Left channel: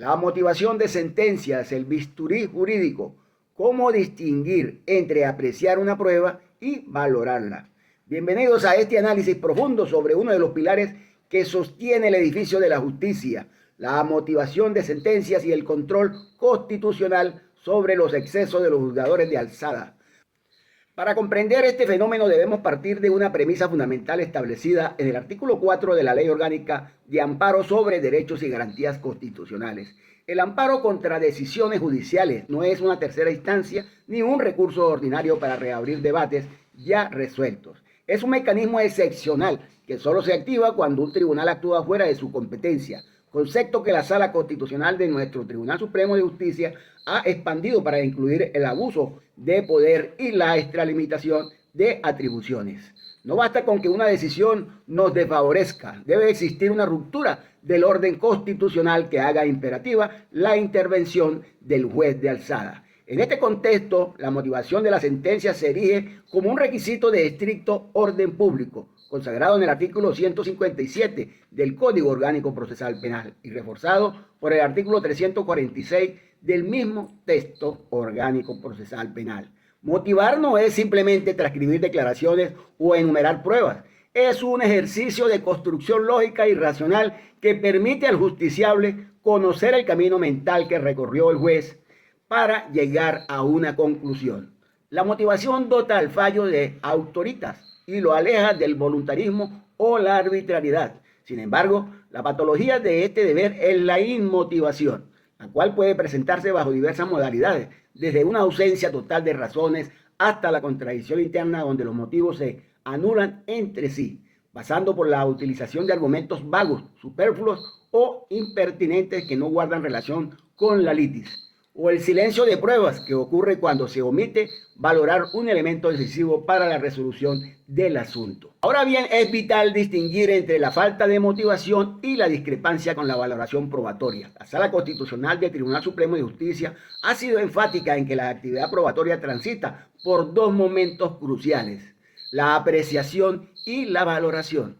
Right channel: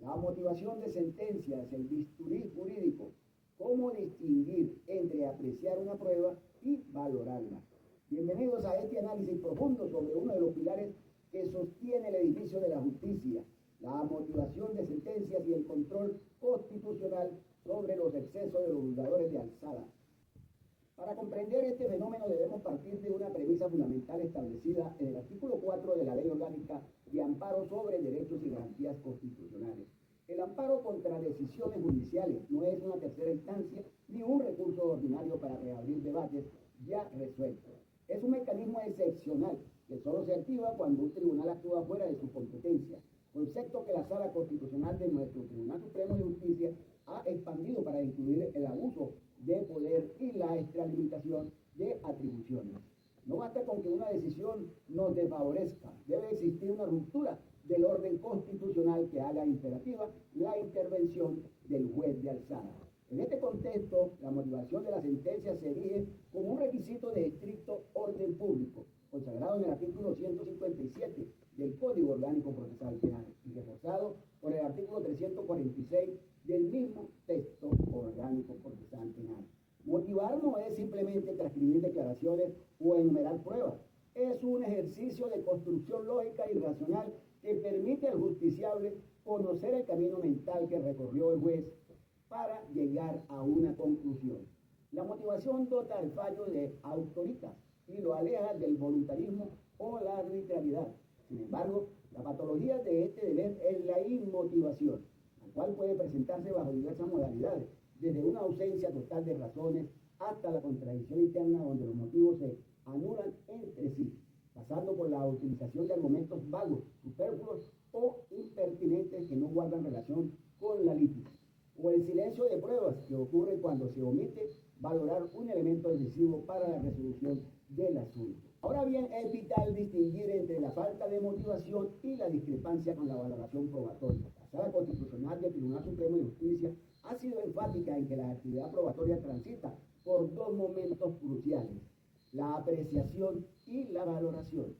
La motivación de sentencias, el bisturí jurídico, cómo distinguir entre apreciar una prueba y valorarla. Bienvenidos a este análisis profundo sobre uno de los pilares que sostiene el edificio de la justicia, la motivación de sentencias y el control constitucional sobre los excesos de los juzgadores de alzada. Para comprender este fenómeno debemos partir de una premisa fundamental establecida en el artículo 4 de la Ley Orgánica de Amparo sobre Derechos y Garantías Constitucionales. El amparo contra decisiones judiciales no es una tercera instancia ni un recurso ordinario para reabrir debates ya resueltos. Es un mecanismo excepcional que solo se activa cuando un tribunal actúa fuera de su competencia, concepto que la Sala Constitucional de nuestro Tribunal Supremo de Justicia ha expandido para incluir el abuso de poder y la extralimitación de atribuciones. No basta con que una decisión nos desfavorezca, debe existir una ruptura del orden constitucional que haga imperativa la intervención del juez de alzada. En este contexto, la motivación de la sentencia se erige como un requisito de estricto orden público, consagrado en el artículo 157 del Código Orgánico Procesal Penal y reforzado por el artículo 346 del mismo texto orgánico procesal penal. Motivar no es simplemente transcribir declaraciones o enumerar pruebas. Es un ejercicio de construcción lógica y racional que permite al justiciable conocer el camino mental que recorrió el juez para llegar a una conclusión. La motivación dota al fallo de autoritas y lo aleja del voluntarismo o la arbitrariedad. Sin embargo, la patología de este deber es la inmotivación, la cual puede presentarse bajo diversas modalidades, desde una ausencia total de razones hasta la contradicción interna donde los motivos se anulan entre sí, pasando por la utilización de argumentos vagos, superfluos o impertinentes que no guardan relación con la litis, o el silencio de pruebas que ocurre cuando se omite valorar un elemento decisivo para la resolución del asunto. Ahora bien, es vital distinguir entre la falta de motivación y la discrepancia con la valoración probatoria. La Sala Constitucional del Tribunal Supremo de Justicia ha sido enfática en que la actividad probatoria transita por dos momentos cruciales: la apreciación y la valoración.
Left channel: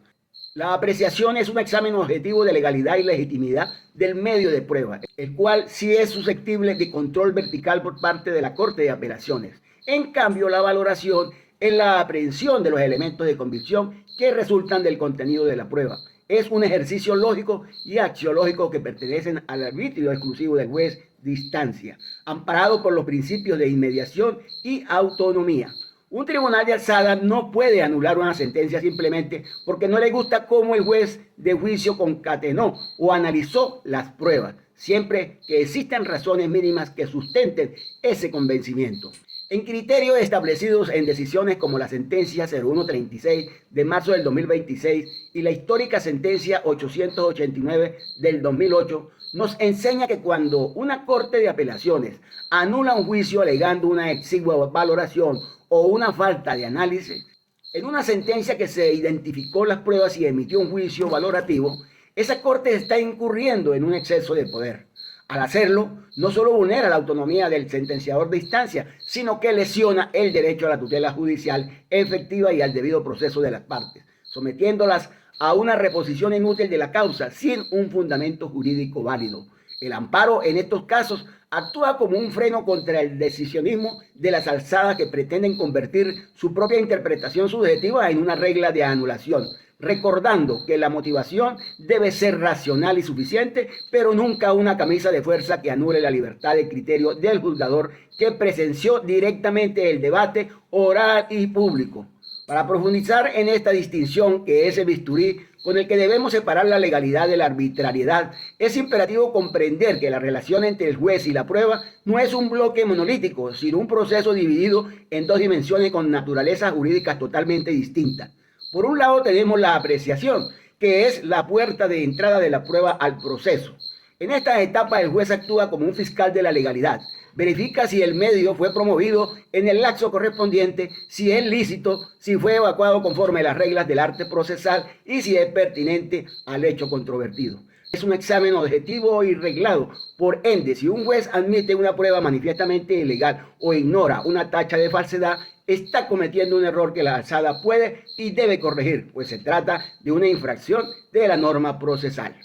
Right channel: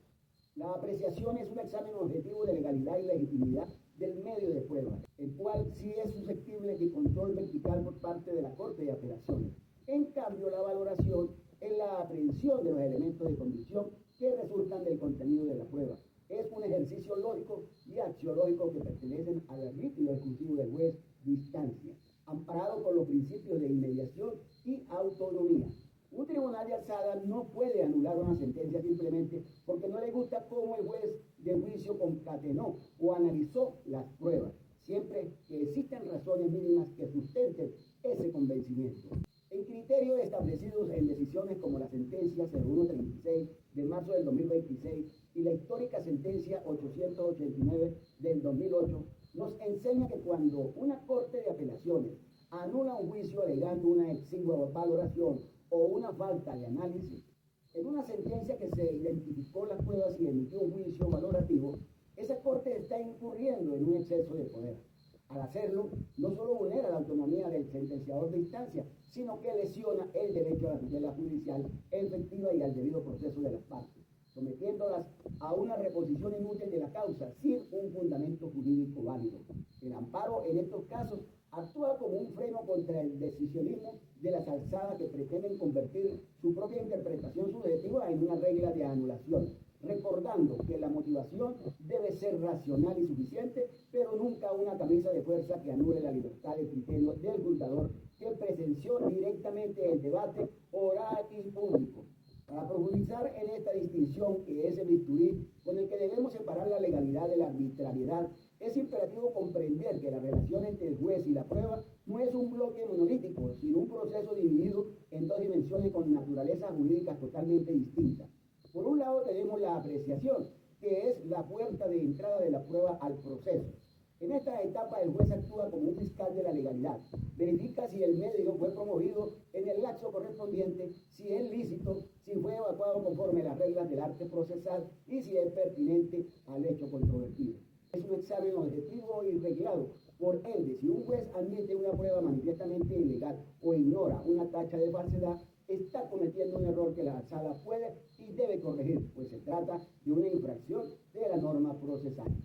La apreciación es un examen objetivo de legalidad y legitimidad del medio de prueba, el cual sí es susceptible de control vertical por parte de la Corte de Apelaciones. En cambio, la valoración es la aprehensión de los elementos de convicción que resultan del contenido de la prueba. Es un ejercicio lógico y axiológico que pertenecen al arbitrio exclusivo del juez de instancia, amparado por los principios de inmediación y autonomía. Un tribunal de alzada no puede anular una sentencia simplemente porque no le gusta cómo el juez de juicio concatenó o analizó las pruebas, siempre que existan razones mínimas que sustenten ese convencimiento. En criterios establecidos en decisiones como la sentencia 0136 de marzo del 2026 y la histórica sentencia 889 del 2008, nos enseña que cuando una corte de apelaciones anula un juicio alegando una exigua valoración o una falta de análisis, en una sentencia que se identificó las pruebas y emitió un juicio valorativo, esa corte está incurriendo en un exceso de poder. Al hacerlo, no solo vulnera la autonomía del sentenciador de instancia, sino que lesiona el derecho a la tutela judicial efectiva y al debido proceso de las partes, sometiéndolas a una reposición inútil de la causa sin un fundamento jurídico válido. El amparo en estos casos actúa como un freno contra el decisionismo de las alzadas que pretenden convertir su propia interpretación subjetiva en una regla de anulación, recordando que la motivación debe ser racional y suficiente, pero nunca una camisa de fuerza que anule la libertad de criterio del juzgador que presenció directamente el debate oral y público. Para profundizar en esta distinción que es el bisturí con el que debemos separar la legalidad de la arbitrariedad, es imperativo comprender que la relación entre el juez y la prueba no es un bloque monolítico, sino un proceso dividido en dos dimensiones con naturalezas jurídicas totalmente distintas. Por un lado tenemos la apreciación, que es la puerta de entrada de la prueba al proceso. En esta etapa el juez actúa como un fiscal de la legalidad, verifica si el medio fue promovido en el lapso correspondiente, si es lícito, si fue evacuado conforme a las reglas del arte procesal y si es pertinente al hecho controvertido. Es un examen objetivo y reglado. Por ende, si un juez admite una prueba manifiestamente ilegal o ignora una tacha de falsedad, está cometiendo un error que la alzada puede y debe corregir, pues se trata de una infracción de la norma procesal.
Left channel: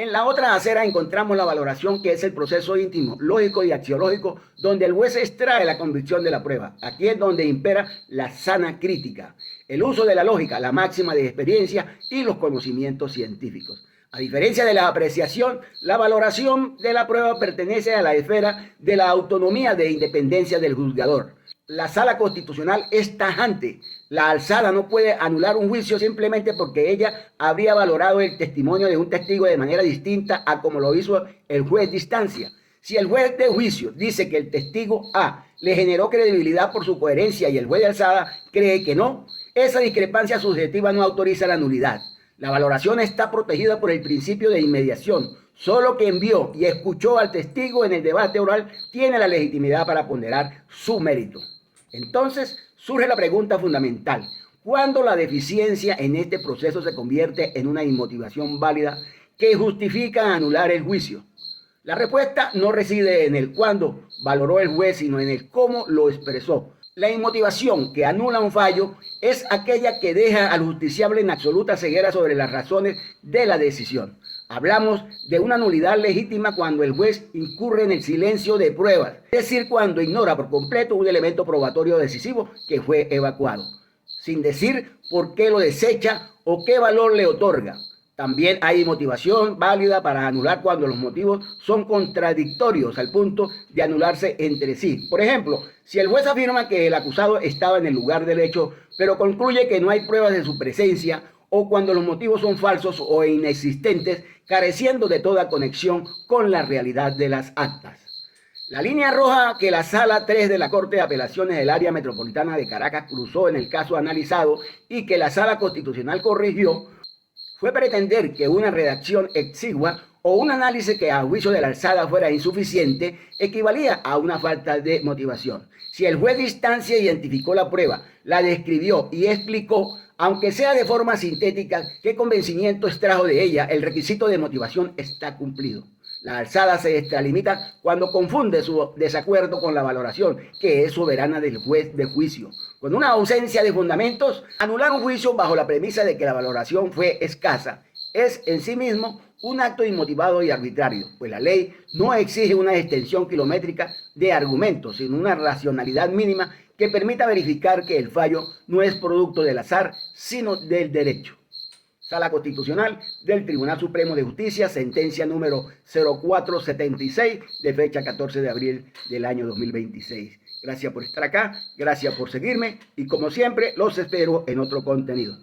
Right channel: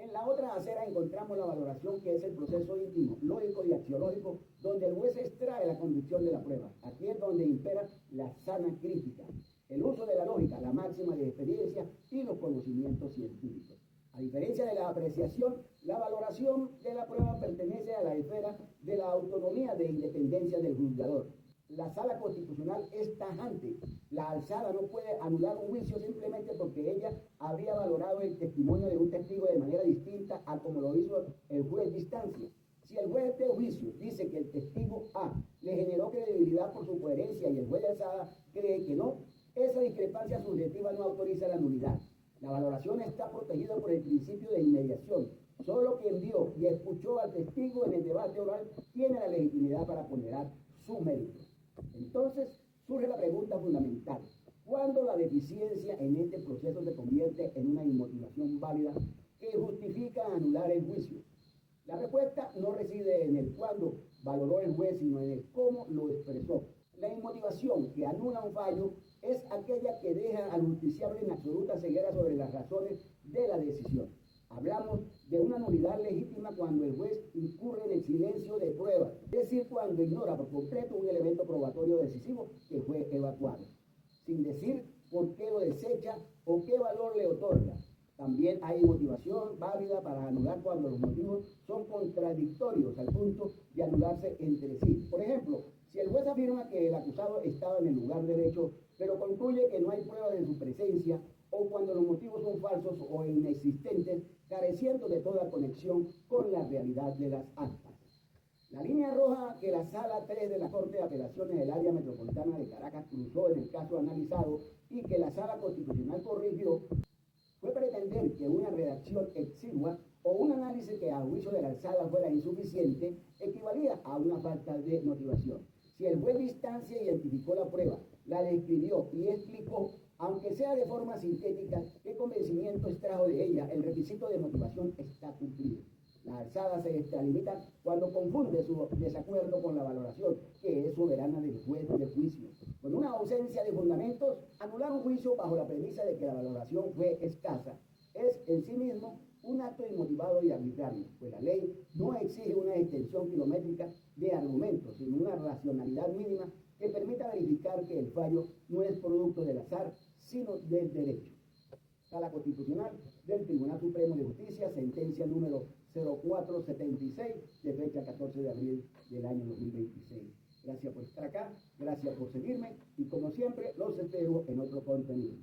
En la otra acera encontramos la valoración, que es el proceso íntimo, lógico y axiológico, donde el juez extrae la convicción de la prueba. Aquí es donde impera la sana crítica, el uso de la lógica, la máxima de experiencia y los conocimientos científicos. A diferencia de la apreciación, la valoración de la prueba pertenece a la esfera de la autonomía de independencia del juzgador. La sala constitucional es tajante. La alzada no puede anular un juicio simplemente porque ella habría valorado el testimonio de un testigo de manera distinta a como lo hizo el juez de instancia. Si el juez de juicio dice que el testigo A le generó credibilidad por su coherencia y el juez de alzada cree que no, esa discrepancia subjetiva no autoriza la nulidad. La valoración está protegida por el principio de inmediación. Solo quien vio y escuchó al testigo en el debate oral tiene la legitimidad para ponderar su mérito. Entonces surge la pregunta fundamental: ¿cuándo la deficiencia en este proceso se convierte en una inmotivación válida que justifica anular el juicio? La respuesta no reside en el cuándo valoró el juez, sino en el cómo lo expresó. La inmotivación que anula un fallo es aquella que deja al justiciable en absoluta ceguera sobre las razones de la decisión. Hablamos de una nulidad legítima cuando el juez incurre en el silencio de pruebas, es decir, cuando ignora por completo un elemento probatorio decisivo que fue evacuado, sin decir por qué lo desecha o qué valor le otorga. También hay motivación válida para anular cuando los motivos son contradictorios al punto de anularse entre sí. Por ejemplo, si el juez afirma que el acusado estaba en el lugar del hecho, pero concluye que no hay pruebas de su presencia, o cuando los motivos son falsos o inexistentes, careciendo de toda conexión con la realidad de las actas. La línea roja que la Sala 3 de la Corte de Apelaciones del Área Metropolitana de Caracas cruzó en el caso analizado y que la Sala Constitucional corrigió fue pretender que una redacción exigua o un análisis que a juicio de la alzada fuera insuficiente equivalía a una falta de motivación. Si el juez de instancia identificó la prueba, la describió y explicó, aunque sea de forma sintética, qué convencimiento extrajo de ella, el requisito de motivación está cumplido. La alzada se extralimita cuando confunde su desacuerdo con la valoración, que es soberana del juez de juicio. Con una ausencia de fundamentos, anular un juicio bajo la premisa de que la valoración fue escasa es en sí mismo un acto inmotivado y arbitrario, pues la ley no exige una extensión kilométrica de argumentos, sino una racionalidad mínima que permita verificar que el fallo no es producto del azar, sino del derecho. Sala Constitucional del Tribunal Supremo de Justicia, sentencia número 0476 de fecha 14 de abril del año 2026. Gracias por estar acá, gracias por seguirme y como siempre los espero en otro contenido.